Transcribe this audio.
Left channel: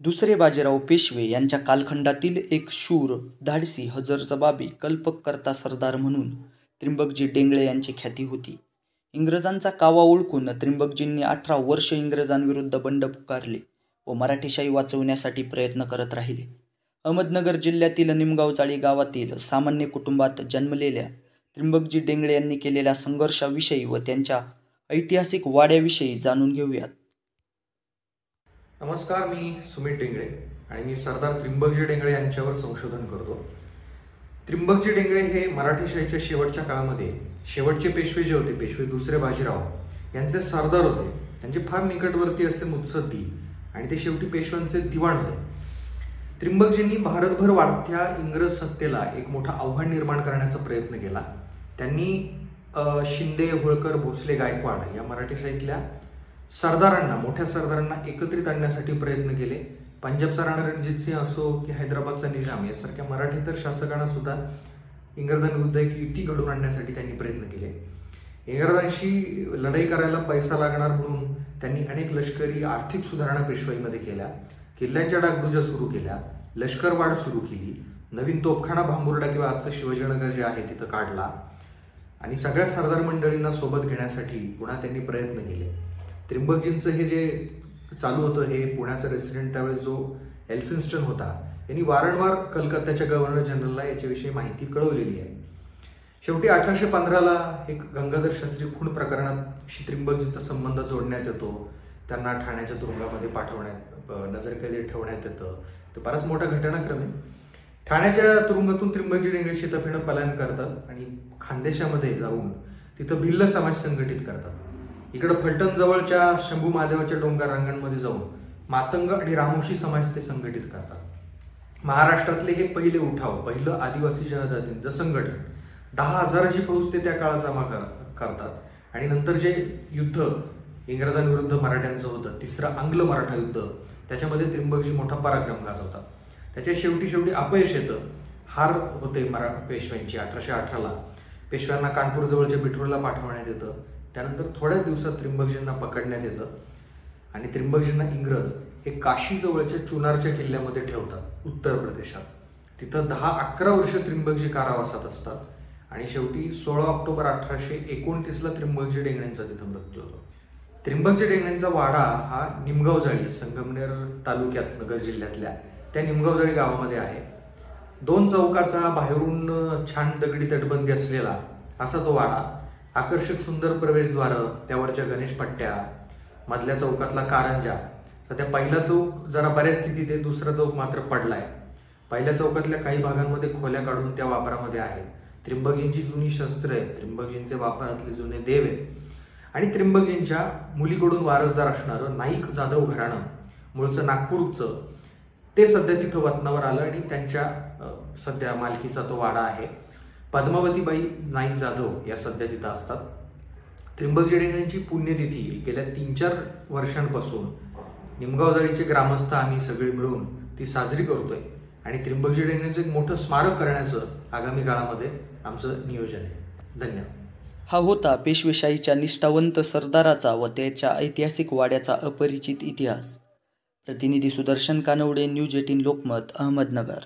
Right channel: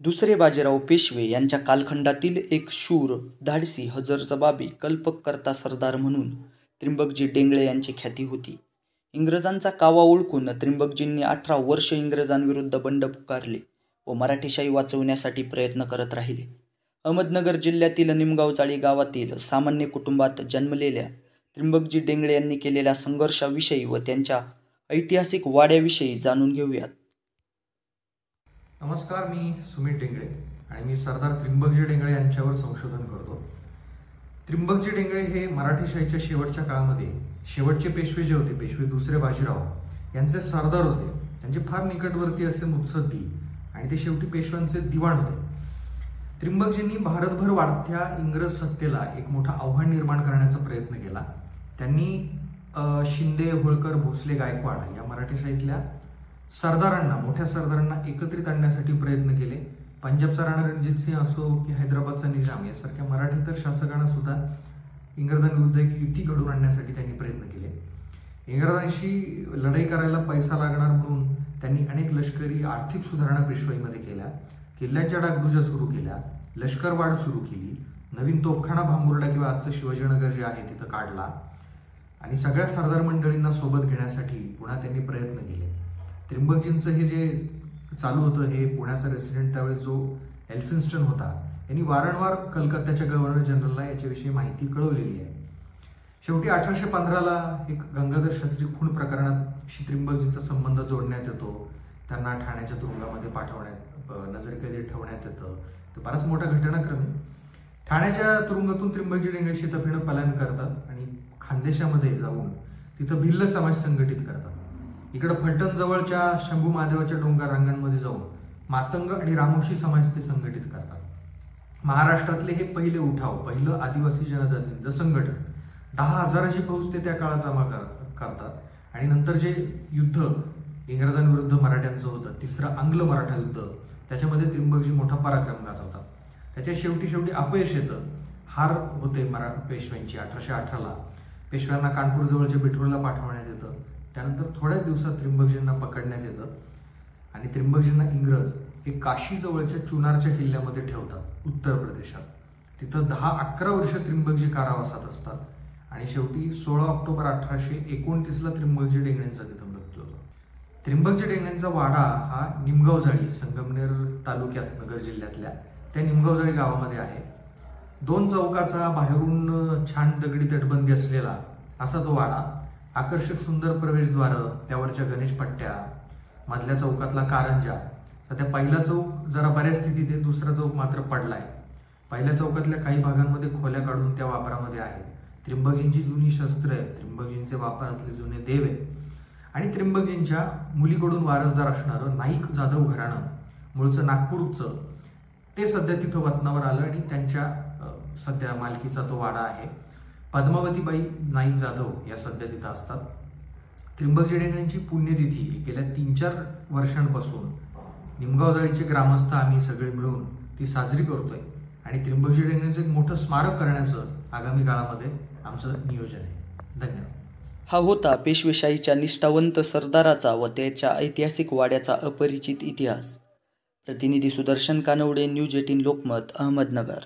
दुसरे बाजीराव पेशवे यांच्या कालखंडातील एक शूर, धाडसी, हजरजबाबी, कल्पकर्ता सरदार म्हणून त्र्यंबकजी डेंगळे यांची ख्याती होती. इंग्रजांचा कावा ओळखून त्र्यंबकजींनी 18 वर्ष इंग्रजांविरुद्ध बंड पुकारले व मराठेशाही वाचवण्यासाठी प्रयत्न करत राहिले. अहमदनगर जिल्ह्यातील निमगावचाळी गावातील सामान्य कुटुंबात जन्मलेल्या त्र्यंबकजी डेंगळे यांनी केलेल्या संघर्षाविषयी व त्यांच्या ऐतिहासिक वाड्याविषयी जाणून घेऊयात. नमस्कार, मी सुमित डेंगळे आणि मी सरदार त्र्यंबकजी डेंगळे यांच्यावर संशोधन करतो. त्र्यंबकजी डेंगळे हे मराठेशाहीच्या शेवटच्या काळामध्ये शेवटचे पेशवे जे होते, पेशवे दुसरे बाजीराव यांचे सरदार होते. त्यांचे फार निकटवर्ती असे मुत्सद्दी आणि ते शेवटी पेशव्यांचे दिवाण होते. त्र्यंबकजींनी भारतभर वाढत्या इंग्रज सत्तेला एक मोठा आव्हान निर्माण करण्याचा प्रयत्न केला. त्यांनी शिंदे, होळकर, भोसले, गायकवाड या मराठेशाहीतल्या सरदारांना, मोठ्या सरदारांना एकत्रित आणण्यासाठी प्रयत्न केले. पंजाबचा राणा रणजित सिंह असो की हैदराबादचा निजाम यासारख्या मराठेतर शासकांना सुद्धा इंग्रजांविरुद्ध एक युती घडवून आणण्यासाठी त्यांनी प्रयत्न केले. इंग्रजांशी लढाई करायला पैसा लागणार म्हणून त्यांनी अनेक लष्करी आर्थिक सुधारणा पेशवाईमध्ये केल्या. किल्ल्यांच्या डागडुज्या सुरू केल्या, लष्करवाढ सुरू केली, नवीन तोफखाना भांबुर्डा किंवा आजचं शिवाजीनगर जे आहे तिथं काढला आणि सगळ्या सरदार मंडळींना सोबत घेण्यासाठी पुन्हा त्यांनी प्रयत्न केले. त्र्यंबकजींचं हे जे चालू होतं, हे पुण्याचा रेसिडेंट त्यावेळेस जो एल्फिन्स्टन होता, यांनी वारंवार कलकत्त्याच्या गव्हर्नर जनरलला याच्याविषयी माहिती कळवलेली आहे. शेवटी 1815ला एक गंगाधर शास्त्री खून प्रकरणात त्र्यंबकजींचा संबंध जोडण्यात येतो. त्यांना ठाण्याच्या तुरुंगामध्ये पाठवण्यात, नजरकैदेत ठेवण्यात येतं. तर बराच मोठा घटनाक्रम आहे. ठाण्याच्या तुरुंगातून त्र्यंबकजी डेंगळे शेताफीनं पलायन करतात आणि खानदेशामध्ये जाऊन तिथं भिल्ल समाज संघटित करतात. इकडं फलटण जवळच्या शंभू महादेवाच्या डोंगर रांगांमध्ये जाऊन मातंग आणि रामोशी समाज ते संघटित करतात. महाराष्ट्रातले हे पहिले उठाव, पहिलं आदिवासी जनजातींचं संघटन, 10,000ची फौज ते त्या काळात जमा करतात आणि नंतर जे युद्ध इंग्रजांविरुद्ध मराठ्यांचं होतं, तिसरं आंग्ल मराठा युद्ध, त्याच्यामध्ये त्र्यंबकजी मोठा पराक्रम गाजवतात. त्याच्या शेवटी अपयश येतं, हार होते पेशव्यांची. 1818ला पेशव्यांना कानपूर जवळच्या बिठूरला पाठवण्यात येतं. त्यानंतर थोड्याच दिवसात त्र्यंबकजींना पकडण्यात येतं आणि त्र्यंबकजींना इंग्रज हे काशी जवळच्या चुनारच्या किल्ल्यामध्ये ठेवतात उत्तर प्रदेशात. तिथं 10-11 वर्ष त्र्यंबकजी कारावासात असतात आणि शेवटी 16 ऑक्टोबर 1829ला त्र्यंबकजी डेंगळेंचा तिथं मृत्यू होतो. त्र्यंबकजी डेंगळेंचा वाडा हा निमगावजाळी, संगमनेर तालुक्यात, नगर जिल्ह्यातल्या त्या निमगावजाळी गावामध्ये आहे. 2 चौकाचा, बाहेरून छान दगडी तटबंदी असलेला असा तो वाडा. आकर्षक सुंदर प्रवेशद्वार, त्यावरच्या गणेश पट्ट्या, मधल्या चौकातला कारंजा. सध्या पहिला चौक जरा बऱ्याच स्थितीत आहे, दुसरा चौक मात्र पडलाय. पहिल्या चौकातल्या काही भागांमध्ये खोल्या काढून त्या वापरामध्ये आहेत. त्र्यंबकजींची जुनी शस्त्र आहे, त्र्यंबकजींचे वापरातले जुने देव आहेत आणि त्र्यंबकजींच्या मुलीकडून वारसदार असणारं नाईक जाधव घराणं, मूळचं नागपूरचं, ते सध्या तिथं वतनावर आलं आणि त्यांच्या सध्या मालकीचा तो वाडा आहे. पद्मावतीबाई नाईक जाधव या सध्या तिथं असतात. त्र्यंबकजी डेंगळेंची पुण्यतिथी गेल्या 3-4 वर्षांपासून निमगावजाळीचे ग्रामस्थ आम्ही सगळे मिळून ती साजरी करतोय आणि त्र्यंबकजी डेंगळेंचं एक मोठं स्मारक करण्याचं आगामी काळामध्ये आमचं नियोजन आहे. धन्यवाद. हा होता पेशवेशाहीच्या निष्ठावंत सरदाराचा व त्याच्या ऐतिहासिक वाड्याचा अपरिचित इतिहास. प्रतिनिधी सुदर्शन कानवडे, न्यूज 18 लोकमत, अहमदनगर.